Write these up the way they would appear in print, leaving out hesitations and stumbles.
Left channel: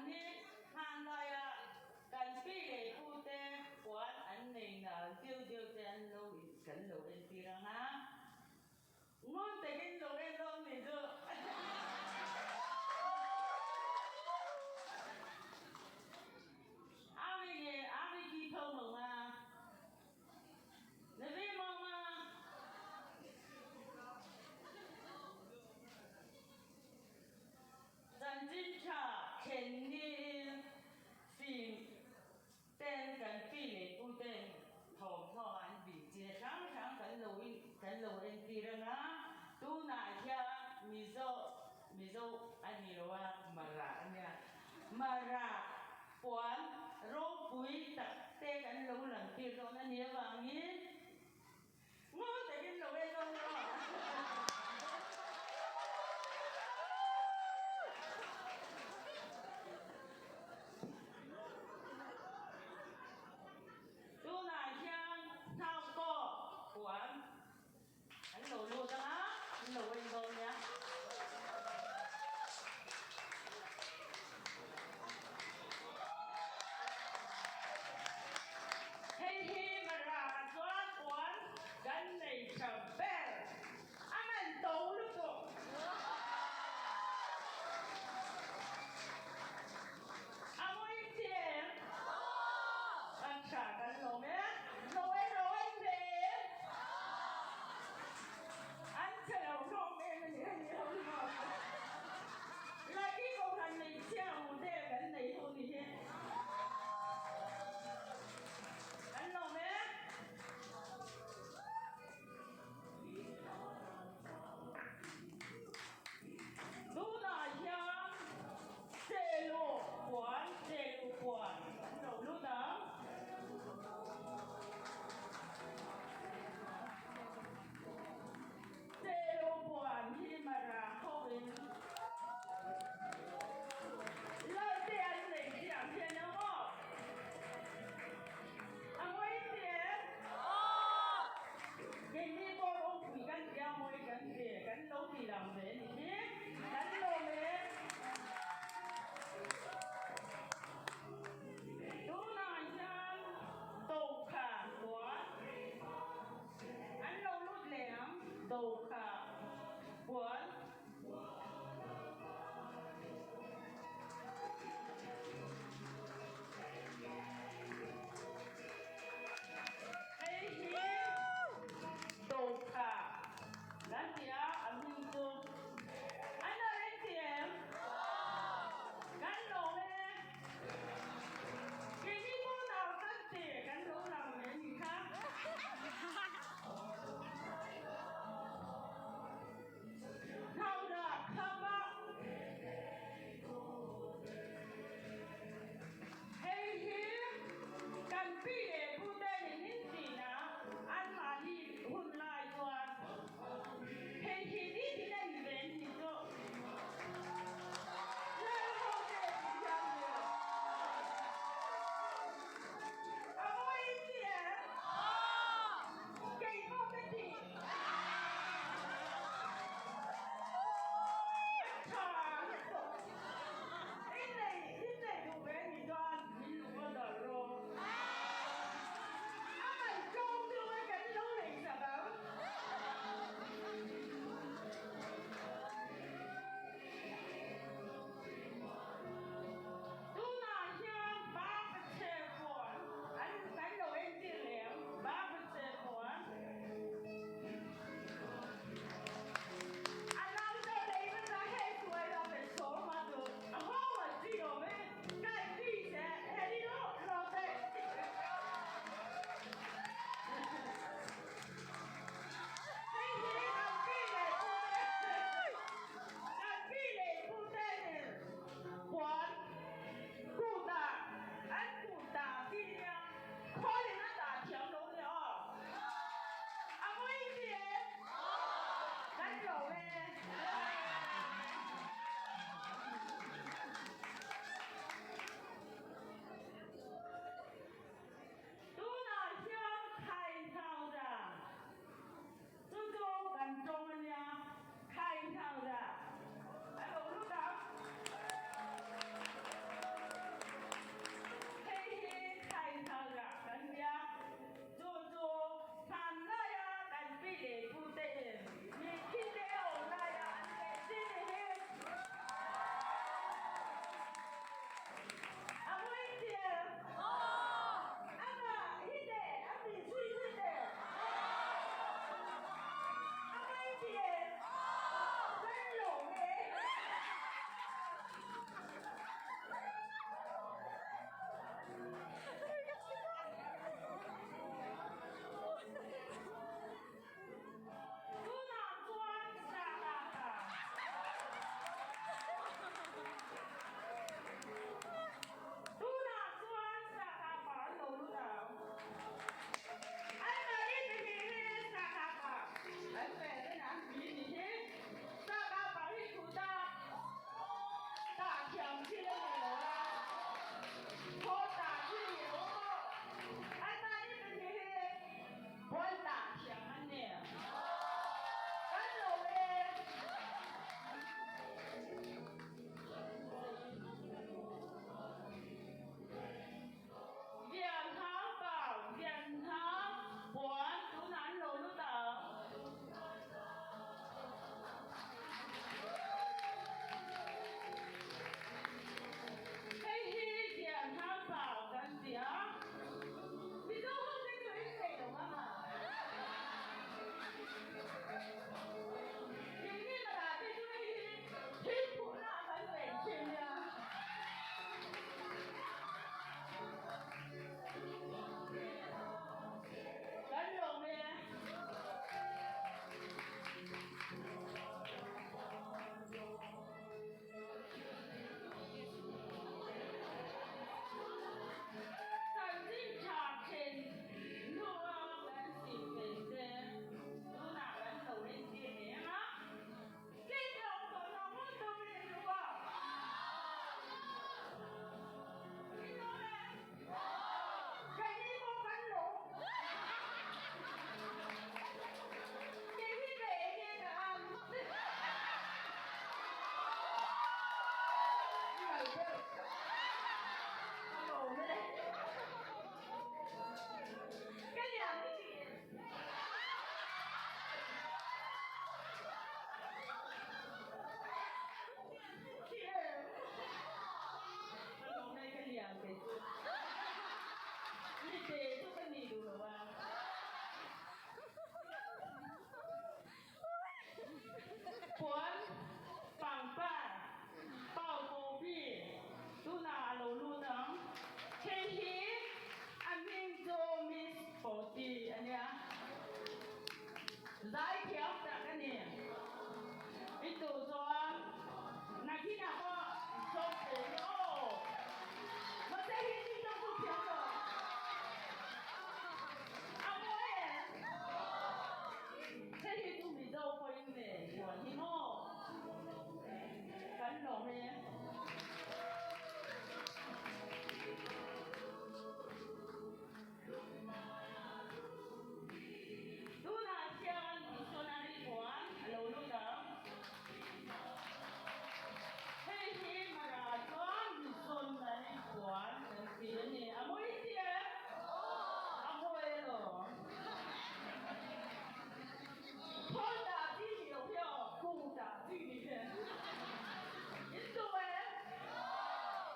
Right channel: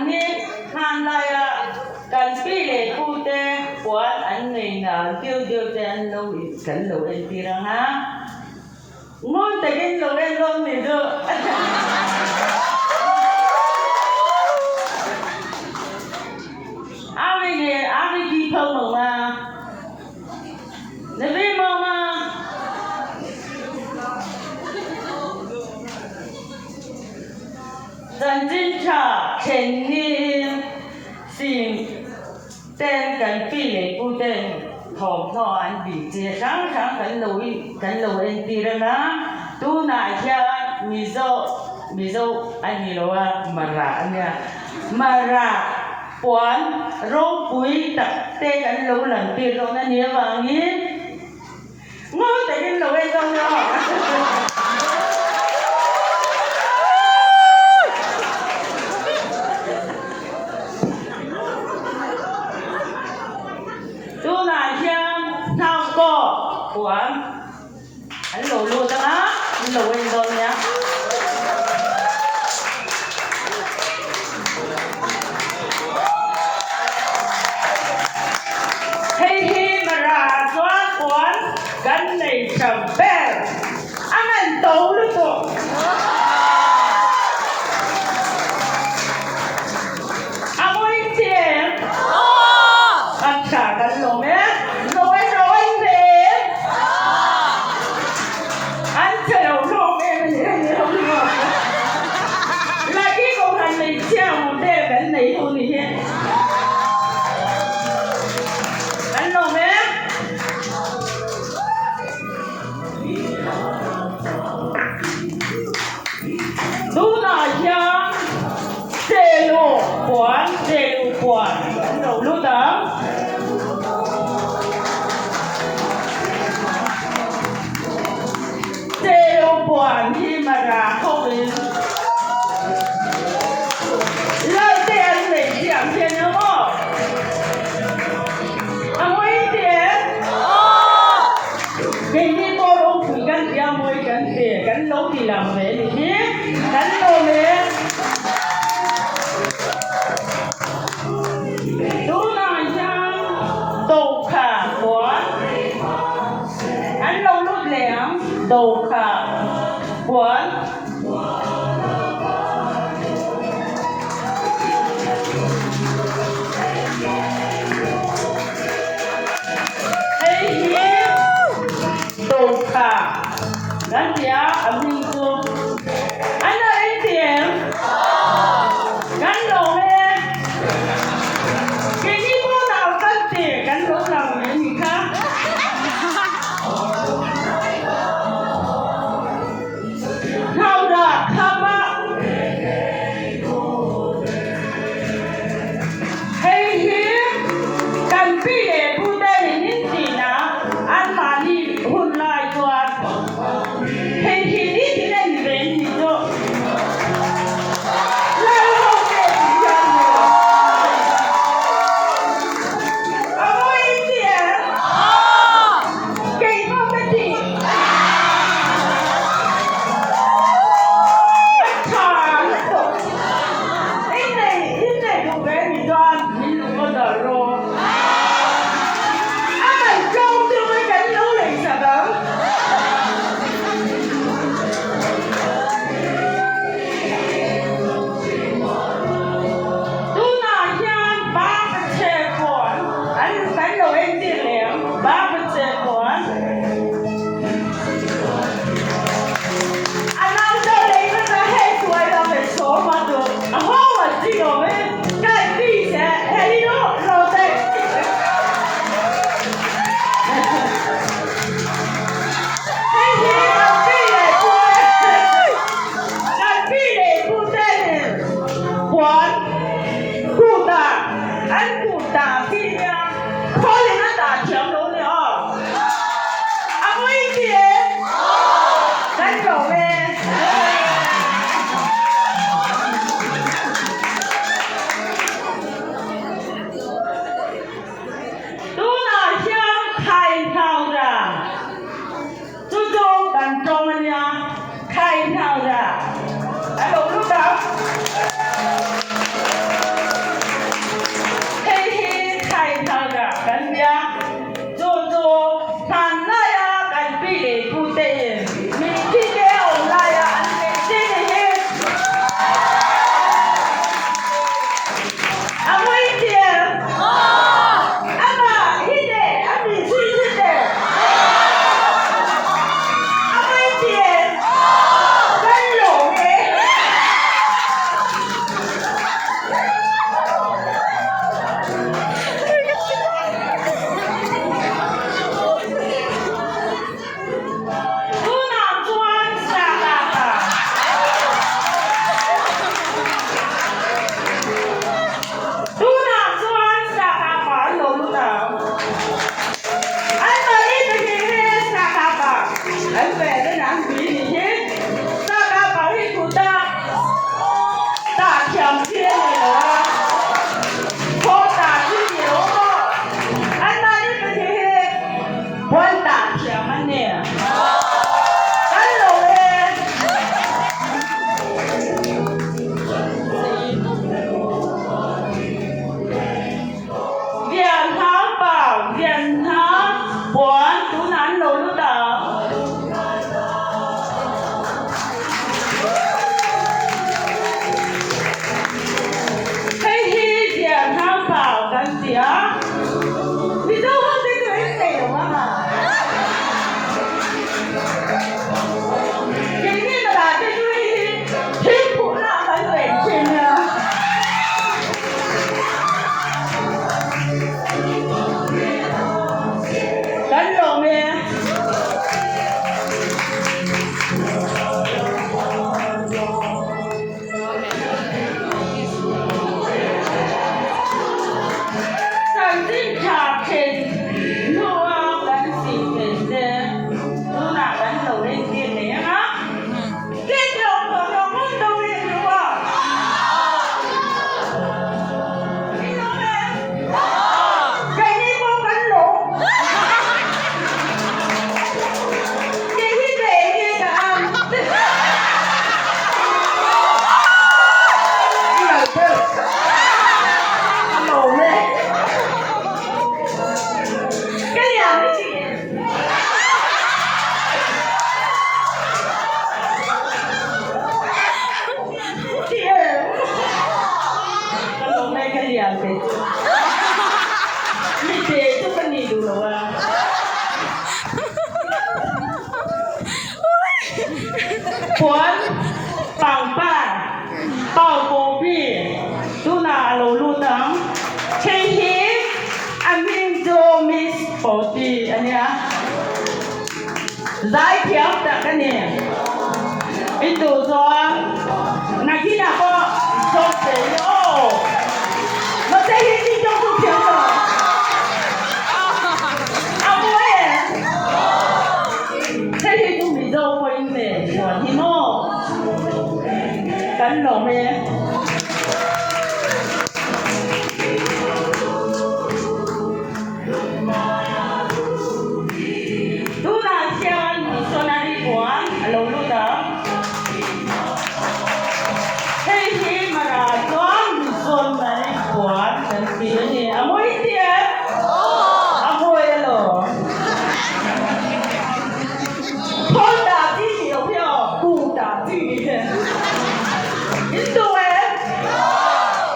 anh đi hàng lại cần phi lệ cụ tê quán anh này là tiêu tiêu tê anh lâu cần lâu em đi ra ha ngon tại cái lâu em luôn mình được ai đi thơm mà nếu biết mà dân chính trả trên niên xin tên cần phi lệ cụ tên thòng thọ anh bị chia sáng sáng cần lâu em đi ra na tu nãy kia mi dâu anh hiểu mà ra anh nha mà ra quán rong quý tập tê cần lâu lần tiền rồi anh nhớ vàng nhé ngon tại cái lâu em không đó tu nãy kia thao co quán anh lâu luôn đó anh lâu em rồi nhá cái này sầm bè anh ăn tấu được không anh muốn tiền anh trả cái lồng nhé rồi tiền 样的，你这就跟你读了啊。ผลปังป้าเป่าโกบี้ดูนาโลลูตังเชฮิอามินโจมิสโปตีอันเนี้ยได้เทียบแต่กันเนี่ยไอตัวจอนักที่น่ะก็จบเสียโอ้เราจะเห็นที่จบทุกเทียบต่อเอาไว้เชฮิดูมีโจไว้เนี่ยหัวที่โม่กันหลงไหมดูน่าเชื่อมีโซนารีบัวโลลูตังเฮ้ยมาราจวนมีโซนารีบัวเป็นปีนี้อ่ะมวยเตี้ยอ่ะมวยเหรอพ่อด่าที่เดียวเพียวกูด่าที่เดียวยิ่งตัวเอง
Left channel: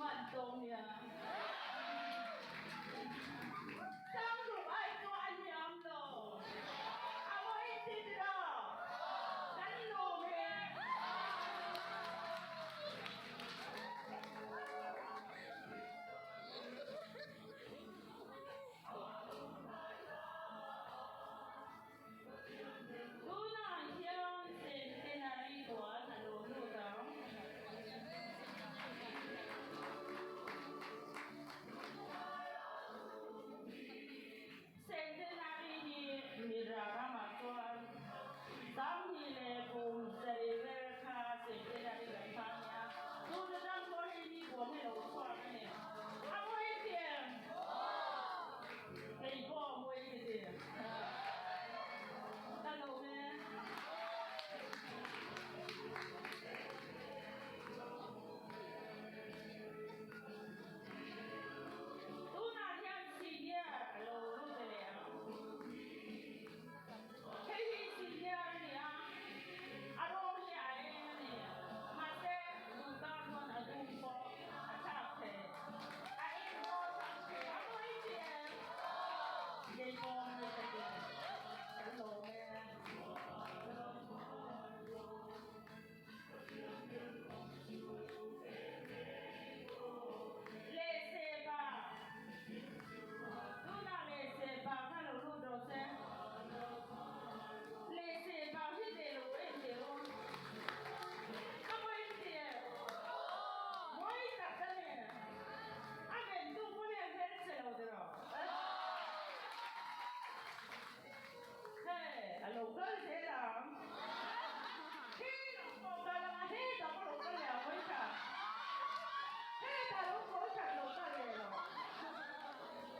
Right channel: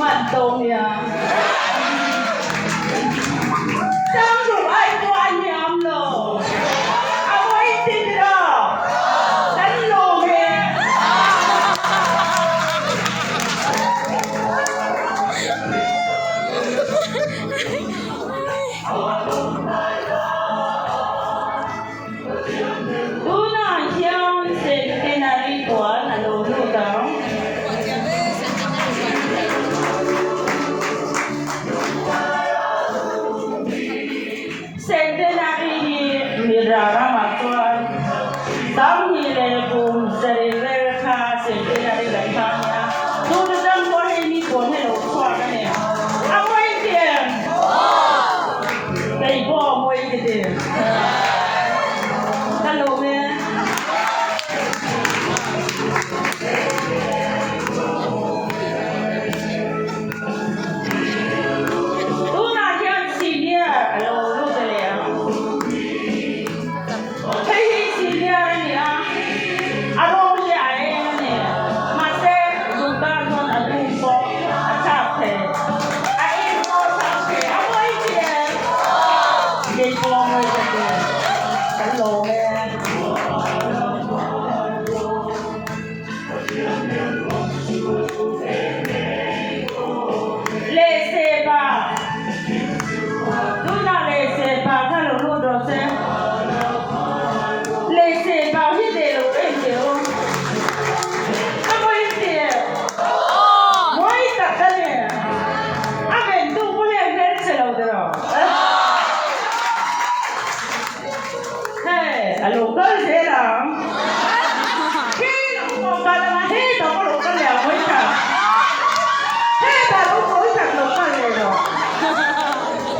มันตรงเนี่ยจังหวะไอ้ตัวอันยำเหรอเอาไว้ติดเหรอฉันโลเมดูน่าเชื่อเซนตินารีกว่าน่ะโลลูตังCentenary Mirara Matuan Tam Hile Boom Serere Ka Centenary Laitanya Tudo dan boleh ni pun hello kuat kan ya apa itu dari bawah boleh gitu kalau ni tu nak yang senior kalau lu boleh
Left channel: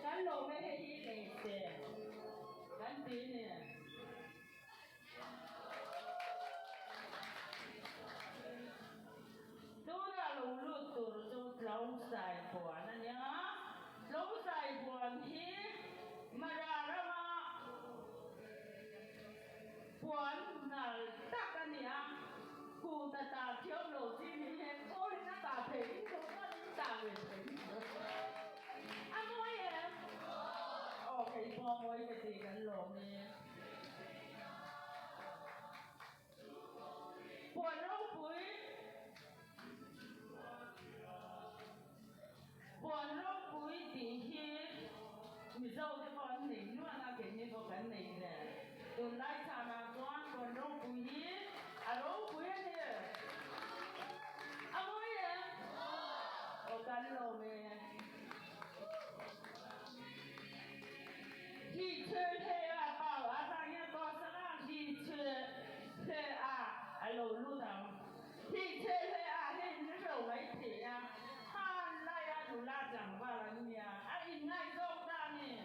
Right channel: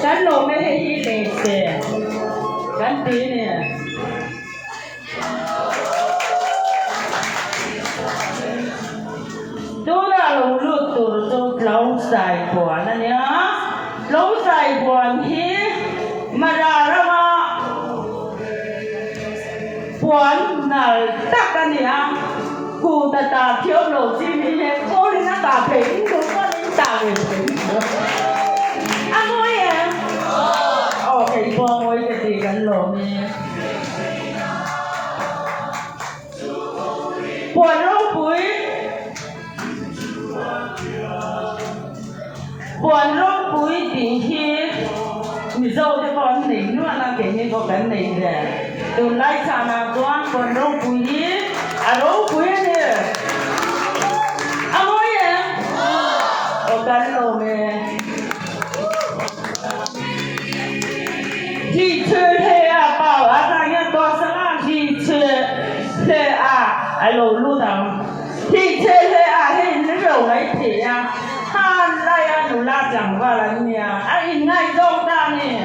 กันโลไม่ให้ที่เด็กเสียกันตีเนี่ยดูน่าลงรูดตัวจุดลงใส่หัวนั่นเนี่ยลงใส่หัวที่มาดาระมาหัวน่ะตักกันเนี่ยกูตาเที่ยวโลจีมีเห็นโอ้ยน่าตาเพ่งดูว่านี่ตาเพ่งอ่ะมวยอ่ะโอเคพอมวยจะตีกันโลมีปวดร้องปุ๋ยปวดร้องปุ๋ย顶ที่มีโซ่ที่พอหนีนวดนั่งเก่งนี่ก็กันหนีเลยดูไล่ชานาตัวปวดร้องปุ๋ยอ่ะร้องปุ๋ยเนี่ยอ่ะมวยอ่ะโอกันโลมีที่เชื่อเฮียเปล่าอะไรเงี้ยตัวสลาที่เชื่อเฮียไอ้โลลูดังที่เชื่อเฮียให้นึกเอาไว้ทีอ่ะท่านไล่หนูลาจังว่าอะไรเนี่ยไอ้ง่ายโจ้ได้เนี่ย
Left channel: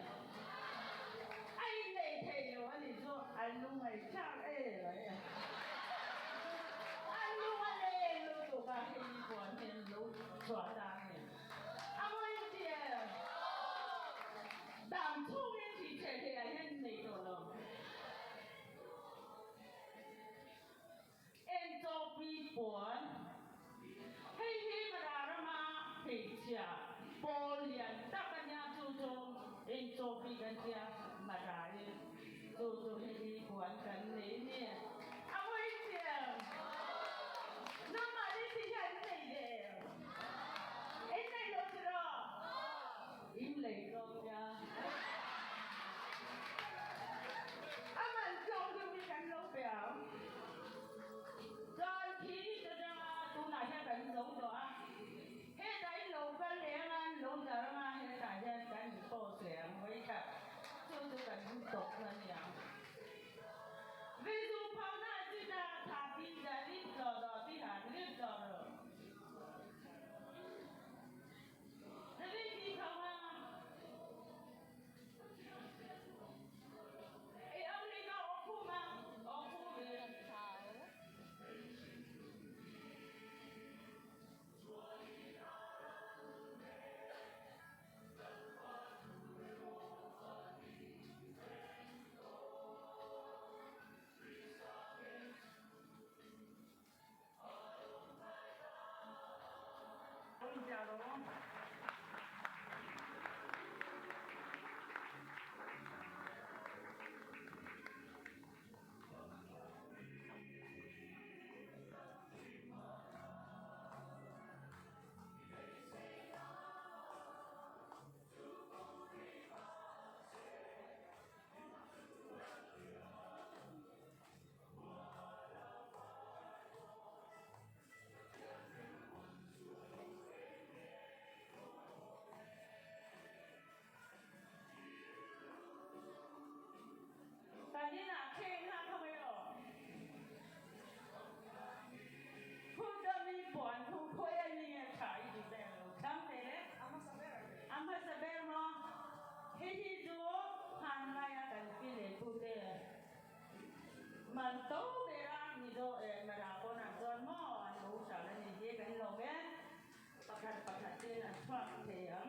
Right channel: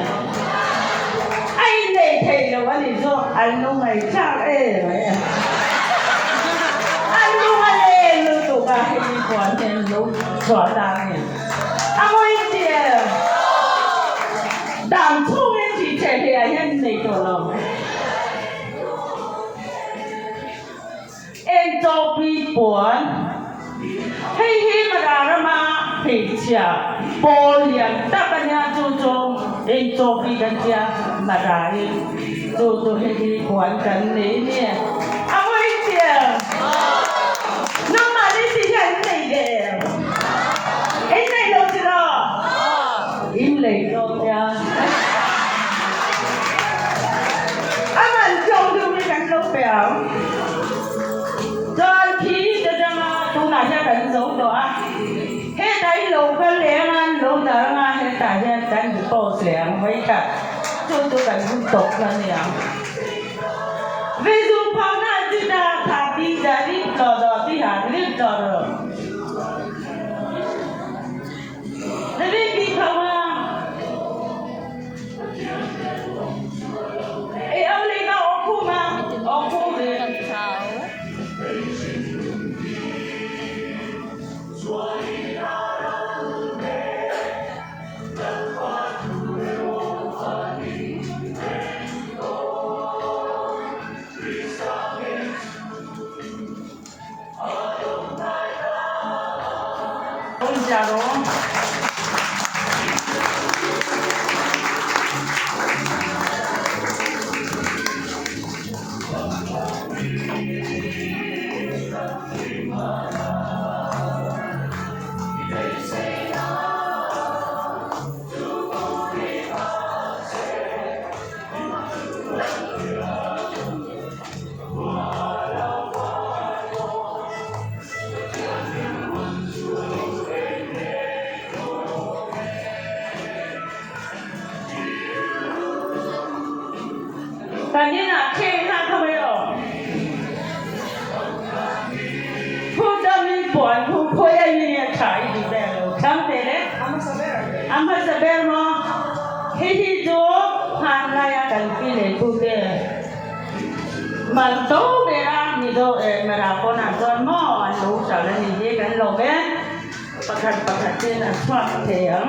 ไอ้เด็กเทเลยว่านี่โจ้ไอ้นุ่งไอ้ชาเอ๋ไว้ไอ้นุ่งไอ้ลูกตัวก็ให้ดีกว่าเนี่ยลูกสอนได้เนี่ยเอาไว้เดียวดังทุ่งเงินที่เชื่อเฮียให้ในตัวเราเอ็นโจปีปวนให้มาดาระมาเพ地下玻璃大个伢做做，因做比人家嘛来，做做那个环境里面，啊我一点，那么你是很累的，因累了知道，因累了呀，啊蛮重就没敢露表，再皮的这么都拿下人走的啊。喺路嘅嶺啊，老豆啊，喺大隻等住多兩位㗎，做到緊讀緊樣。為咗跑那知道他啲仔啲做到啲下啲做到，你啲幾跑啊？有你個我哭嗎？我哭嘅。假如反正啊，天上看没有，ผู้จะมีผลผู้คุยอะไรเนี่ยขายดีแล้วคำเตะเลยอามาสเบลมั้งที่จูหันไล่กันปีเลยผู้เดียมันโตเวลานี่โตมาราคนอ่ะจนหม้อรู้จักแล้วนี่เยกันหลงเอ๊ะประคัดเจนอ่ะชอบเถียง